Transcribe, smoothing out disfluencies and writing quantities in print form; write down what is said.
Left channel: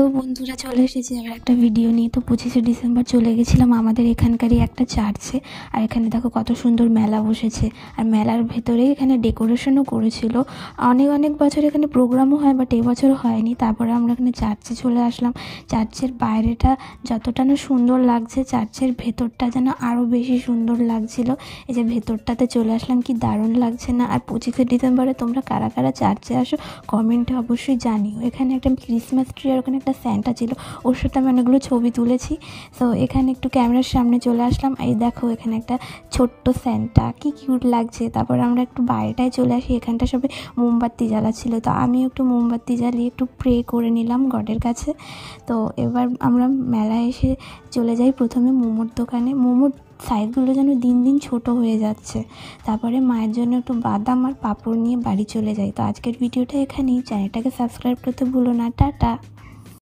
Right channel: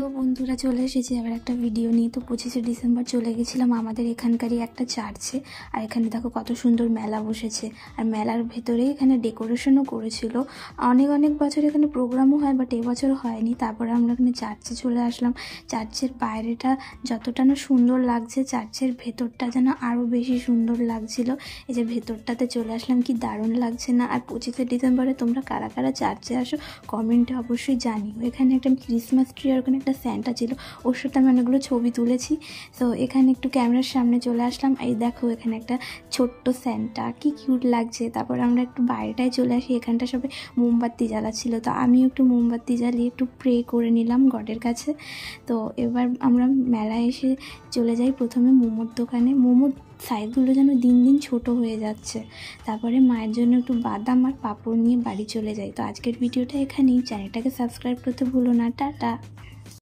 তো বন্ধুরা চলে এসেছি আবার একটা ভিডিও নিয়ে। তো 25শে ডিসেম্বর চলে গেছিলাম আমাদের এখানকারই একটা চার্চে। আর এখানে দেখো কত সুন্দর মেলা বসেছে, আর মেলার ভেতরেই এখানে ডেকোরেশনও করেছিল। অনেক অনেক বছর এখানে প্রোগ্রামও হয়, বাট এবছর হয়নি। তারপরে আমরা এখানে চার্চে চলে আসলাম। চার্চের বাইরেটা যতটা না সুন্দর লাগছে, চার্চের ভেতরটা যেন আরও বেশি সুন্দর লাগছিল। এই যে ভেতরটাতে চলে আসলাম, কি দারুণ লাগছে না? আর 25শে ডিসেম্বরে তোমরা কারা কারা চার্চে আসো কমেন্টে অবশ্যই জানিও। এখানে একটা ক্রিসমাস ট্রি আর ওখানে একটা স্যান্টা ছিল, ওর সাথে আমি অনেকগুলো ছবি তুলেছি। তো এখানে একটু ক্যামেরার সামনে চলে আসলাম। এই দেখো এখানে একটা ছোট্ট স্যান্টা, কি কিউট লাগছে। তারপর আমরা একটু বাইরেটায় চলে আসি, এখানটা সবাই মোমবাতি জ্বালাচ্ছিল। তো আমি একটু মোমবাতি জ্বালিয়ে একটু প্রে করে নিলাম গডের কাছে। তো এবার আমরা মেলায় এসে চলে যাই প্রথমে মোমোর দোকানে। মোমোর সাইজগুলো যেন দিন দিন ছোট হয়ে যাচ্ছে। তারপরে মায়ের জন্য একটু বাদাম আর পাঁপড় নিয়ে বাড়ি চলে যাই। তো আজকের ভিডিওটা এখানেই। চ্যানেলটাকে সাবস্ক্রাইব করতে ভুলো না। টাটা।